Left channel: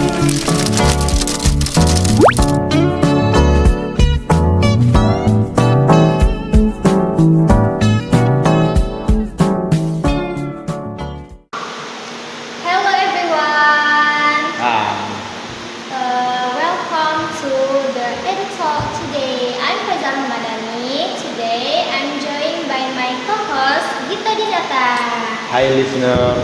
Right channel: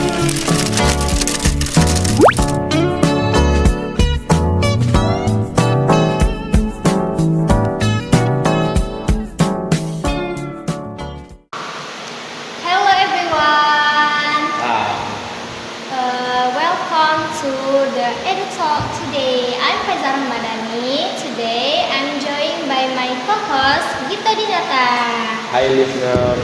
Hello everyone. Welcome to the editorial today. I'm Faizal Madani. Today I'm joined by my co-host Gita Dinata. Hi listener,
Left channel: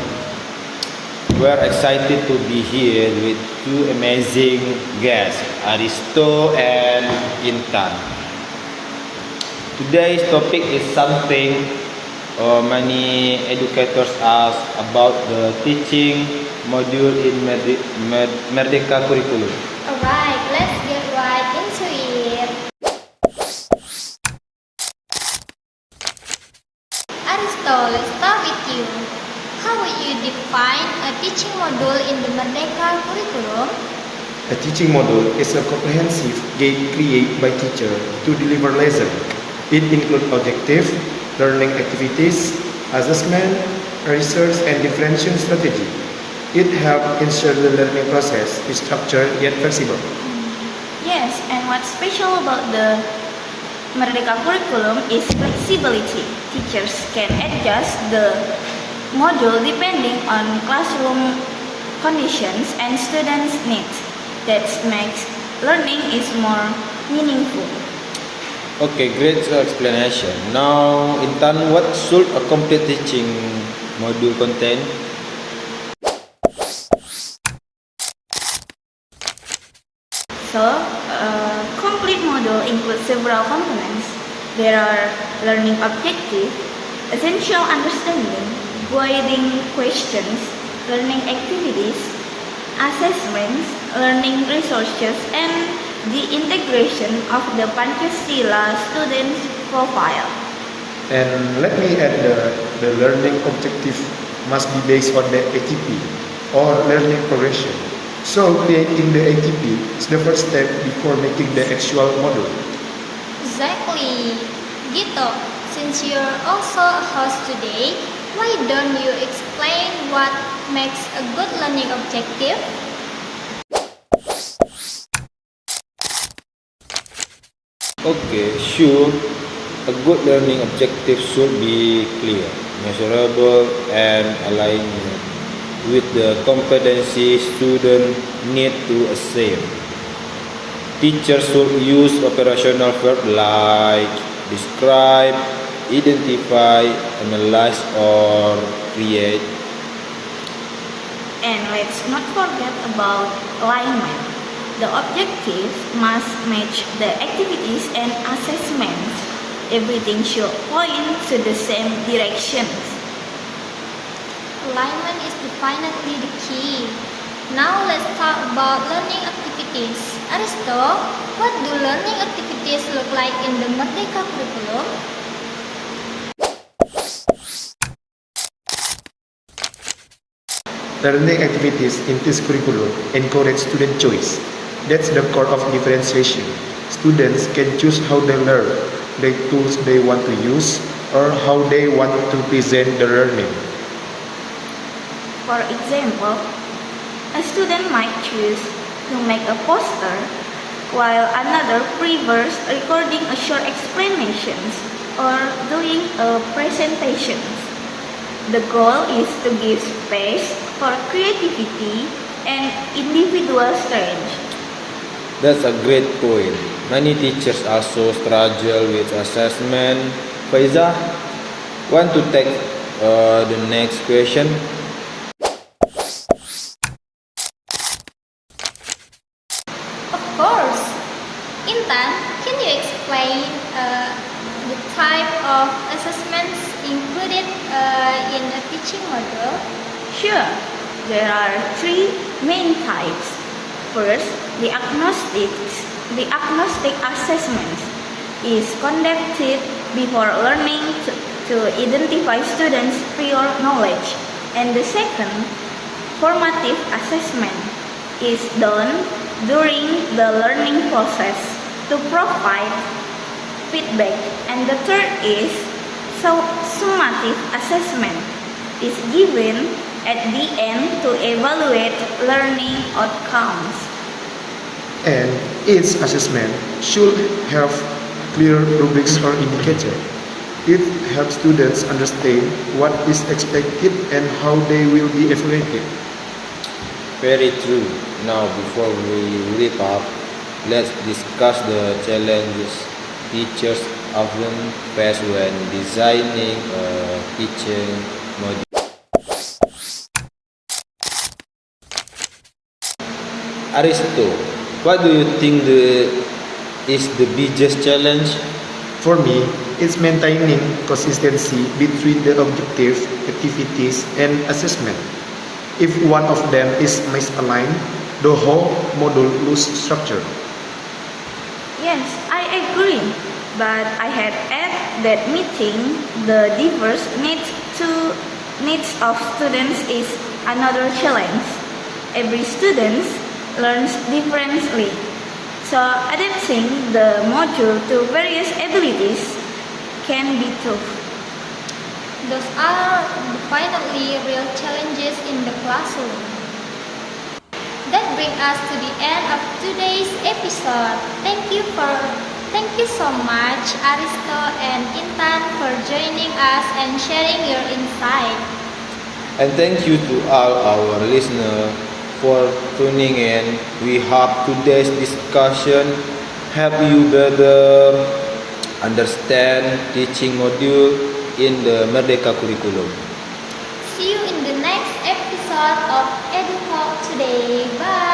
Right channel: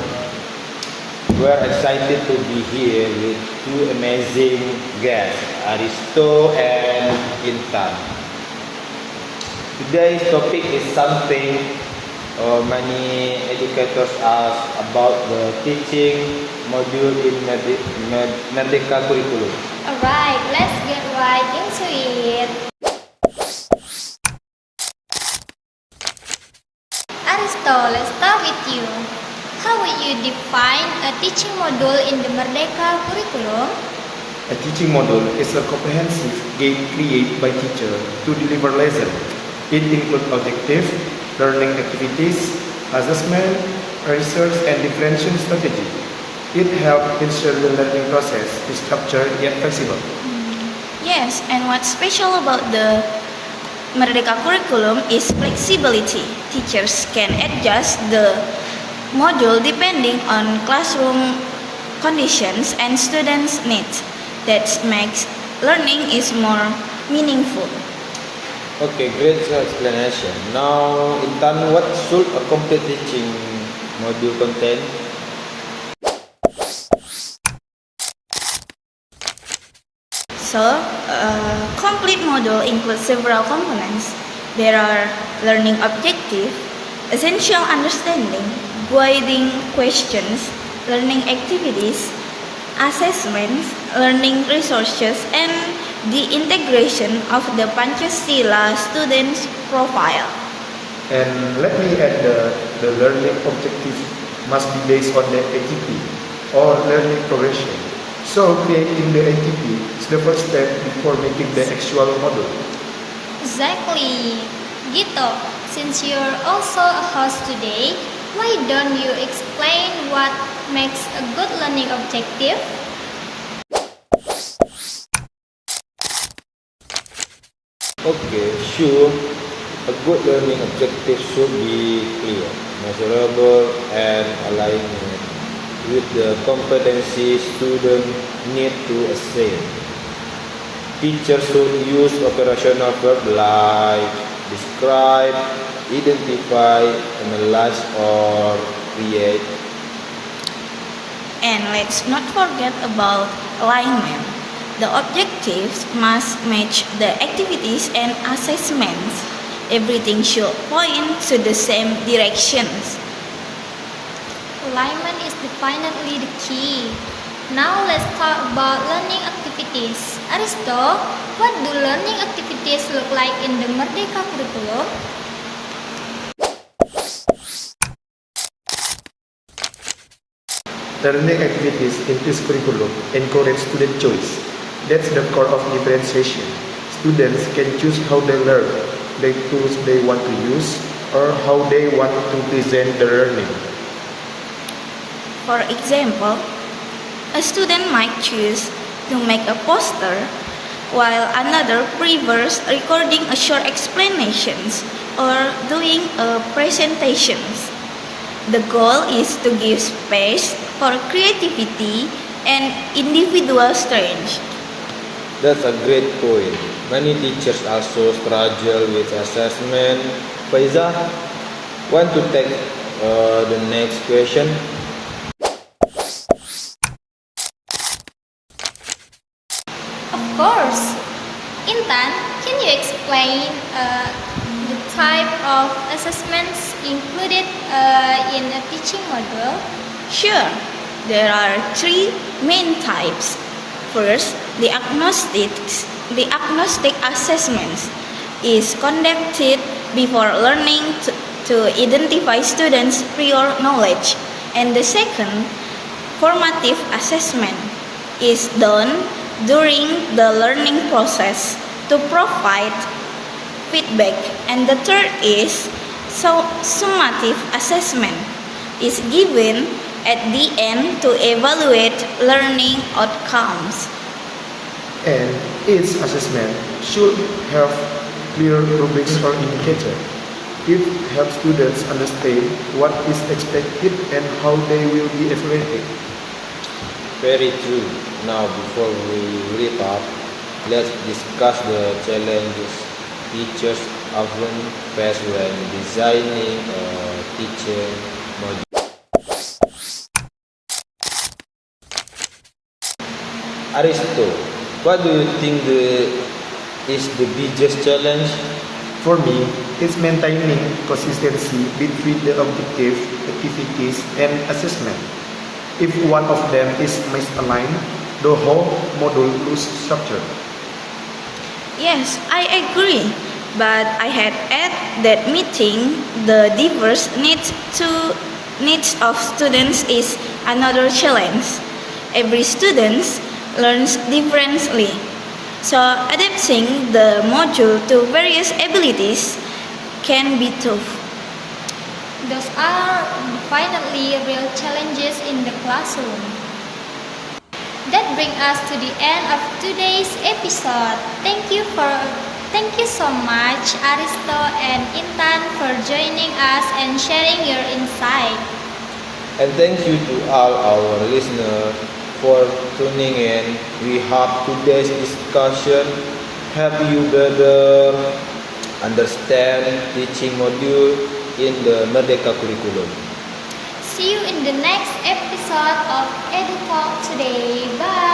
we are excited to be here with two amazing guests, Aristo and Intan. Today's topic is something many educators ask about the teaching module in Merdeka curriculum. Alright, let's get right into it. Aristo, let's start with you. How would you define a teaching module in the Merdeka curriculum? A teaching module is a comprehensive guide created by teacher to deliver lesson. It includes objective, learning activities, assessment, research, and differentiation strategy. It helps ensure the learning process is structured yet flexible. Yes, and what's special about the Merdeka curriculum is flexibility. Teachers can adjust the module depending on classroom conditions and students' needs. That makes learning is more meaningful. Okay, great explanation. Now, Intan, what should a complete teaching module contain? So, a complete module includes several components. There are learning objectives, essential understanding, guiding questions, learning activities, assessments, learning resources, and the integration of the Pancasila students' profile. And let me add the learning objective must be based on the ATP or learning progression. So creating the ATP is the first step before making the actual module. Exactly. Gito, since you're also a host today, why don't you explain what makes a good learning objective? Okay, sure. A good learning objective should be clear, measurable, and aligned with the competency students need to achieve. Teachers should use operational verbs like describe, identify, analyze, or create. And let's not forget about alignment. The objectives must match the activities and assessments. Everything should point to the same directions. Alignment is definitely the key. Now let's talk about learning activities. Aristo, what do learning activities look like in the Merdeka curriculum? Learning activities in this curriculum encourage student choice. That's the core of differentiation. Students can choose how they learn, the tools they want to use, or how they want to present the learning. For example, a student might choose to make a poster, while another prefers recording a short explanations or doing a presentations. The goal is to give space for creativity and individual strengths. That's a great point. Many teachers also struggle with assessment. Faiza, want to take the next question? Of course. Intan, can you explain the type of assessments included in a teaching module? Sure, there are three main types. First, the agnostic assessment is conducted before learning to identify students' prior knowledge. And the second, formative assessment, is done during the learning process to provide feedback. And the third is summative assessment, is given at the end to evaluate learning outcomes. And each assessment should have clear rubrics or indicator. It helps students understand what is expected and how they will be evaluated. Very true. Now, before we wrap up, let's discuss the challenges teachers often face when designing a teaching module. Aristo, what do you think is the biggest challenge? For me, it's maintaining consistency between the objective, activities, and assessment. If one of them is misaligned, the whole module loses structure. Yes, I agree. But I had add that meeting the diverse needs of students is another challenge. Every student learns differently. So adapting the module to various abilities can be tough. Those are definitely real challenges in the classroom. That brings us to the end of today's episode. Thank you so much, Aristo and Intan, for joining us and sharing your insight. And thank you to all our listeners for tuning in. We hope today's discussion help you better understand teaching module in the Merdeka curriculum. See you in the next episode of EduTalk today. Bye.